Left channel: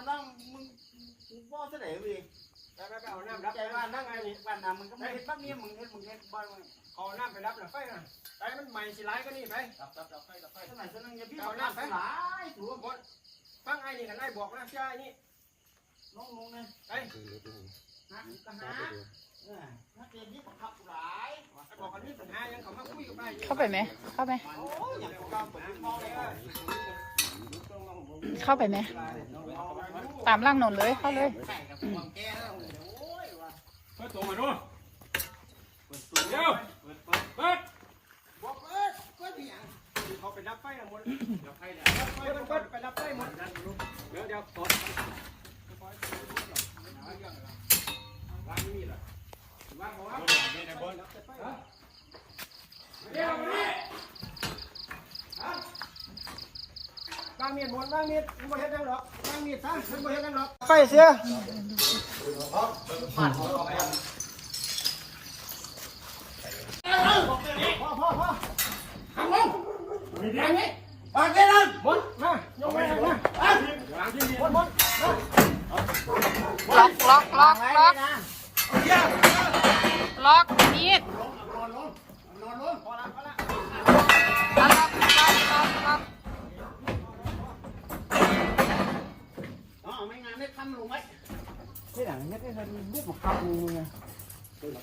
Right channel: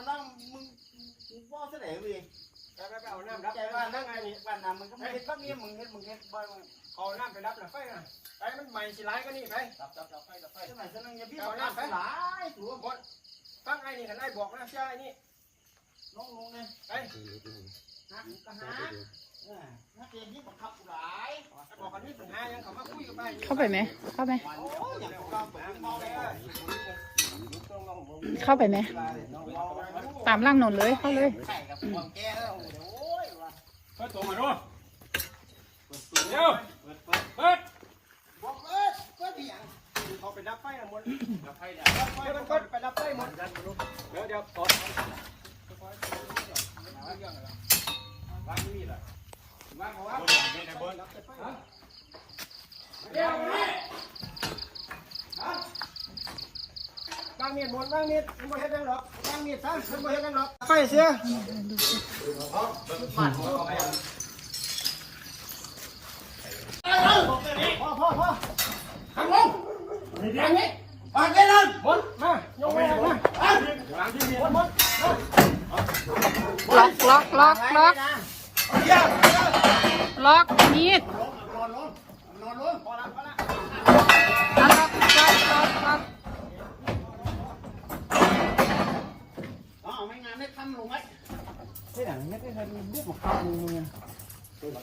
นั่งมึงมึงว่าเสน่ห์เว้ยไปไปไปเอาน้ำรัรับบใจว่านั่งไงนี่บ้านน้ำมันก็ไอ้ไม่เห็ดบักนี้มึงเห็ดมึงเห็ดบ่อยมึงเอาน้ำไปรับหน่อยไฟน่ะไอ้มันใหม่สิร้ายก็นี่ไปดับดับดับไฟดับไฟสมัยสนึงอย่าพี่เอาน้ำไปหลายตัวหมดฟังไอ้นี่กันไอ้บอกนะใช่ไอ้นี่ลงลงเลยไอ้หักก็หักเนี่ยนักเรียนนี่บังคับหลายไอ้บอกกันนี่ปัญหายังเขามาคุยกับไอ้เข้าไปไหมเข้าไป เข้าไปไหมตามล่างนนเลยเข้าเลยไข่กับความแก่แล้วยเปิดตัวมาดูเดี๋ยวเปิดบอกเอ้ยก็ดีอย่างเขาไปรับไฟกันหมดรับไฟแล้วรับไฟมันก็ไปรับไฟหมดเดี๋ยวเดี๋ยวกดวางนี่แหละวางเขาวางเดี๋ยวนี่ วางมีดหมดวางมีดไม่เห็นดังหรอกวางมีดซะไม่เห็นดังหรอกไฟเสียพ่อพ่อพ่อทำลงอย่างนี้ปากได้เลยหมดมายกไว้มาวางที่นี่หมดล็อกล็อกล็อกล็อกล็อกมีดนอนลงนอนลงพอละพอละอะ cái này nhất cái hơn biết một con tôi là